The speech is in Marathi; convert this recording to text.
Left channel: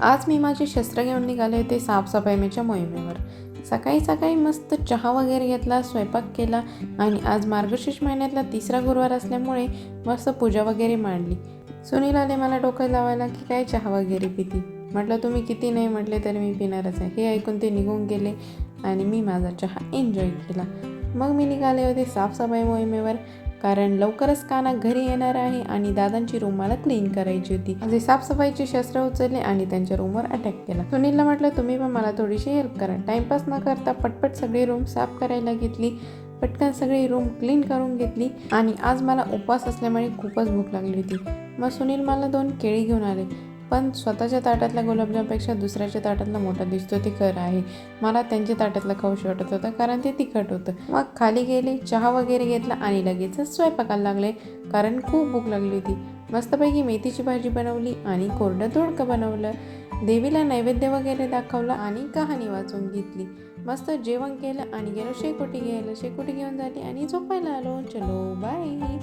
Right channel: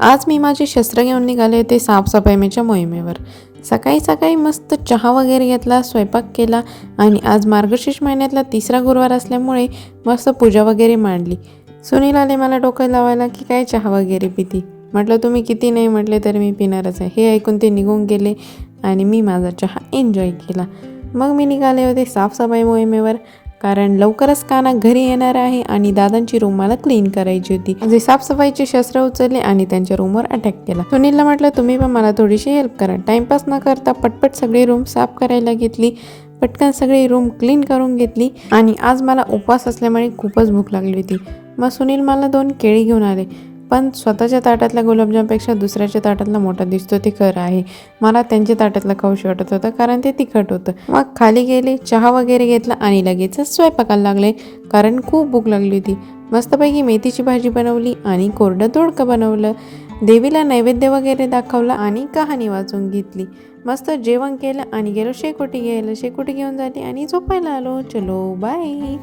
आज मी माझे शस्त्र घेऊन निघाले होते साफसफाईच्या मोहिमेवर. सकाळी सकाळी मस्त चहा वगैरे घेतला, स्वयंपाक केला आणि आज मार्गशीर्ष महिन्यातला तिसरा गुरुवार असल्यामुळे मस्त पूजा वगैरे मांडली. सुनील आले मला डोकं लावायला की काय चहा वगैरे पिती. म्हटलं तुम्ही किती नाही म्हटले तरी मी पिणारच आहे. हे ऐकून ते निघून गेले आणि मी माझा चहा एन्जॉय केला. मग मी निघाले होते साफसफाई मोहिमेवर, कारण लवकरच काना घरी येणार आहे आणि दादांची रूम मला क्लीन करायची होती. म्हणजे साफसफाईचे शस्त्र उचलले आणि त्यांच्या रूमवर अटॅक केला. सुनीलला म्हटलं तुम्ही पण मला थोडीशी हेल्प करा. टाइमपास न करता पटपट सगळी रूम साफ करायला घेतली. पटकन सगळी रूम क्लीन करून घेतली आणि आज मला उपवास असल्यामुळे खूपच भूक लागली होती. मग सुनील मला 2 केळी घेऊन आले, पण स्वतःच्या ताटातल्या गुलाबजामपेक्षा दुसऱ्याच्या ताटातला मोठा दिसतो ते खरं आहे. मला त्यांच्या ताटातलं खाऊशी वाटत होतं कारण ते तिखट होतं. मग खाली गेले, चहा वगैरे घेतला आणि लगेचच स्वयंपाकाला लागले कारण खूप भूक लागली होती. मस्तपैकी मेथीची भाजी बनवली आणि कोरडं दोडकं बनवलं. देवीला नैवेद्य वगैरे दाखवला आणि कहाणी वाचून घेतली. मस्त जेवण केलं आणि गेलो शेकोटी घ्यायला. शेकोटी घेऊन झाली आणि झोपायला आलो. चलो बाय.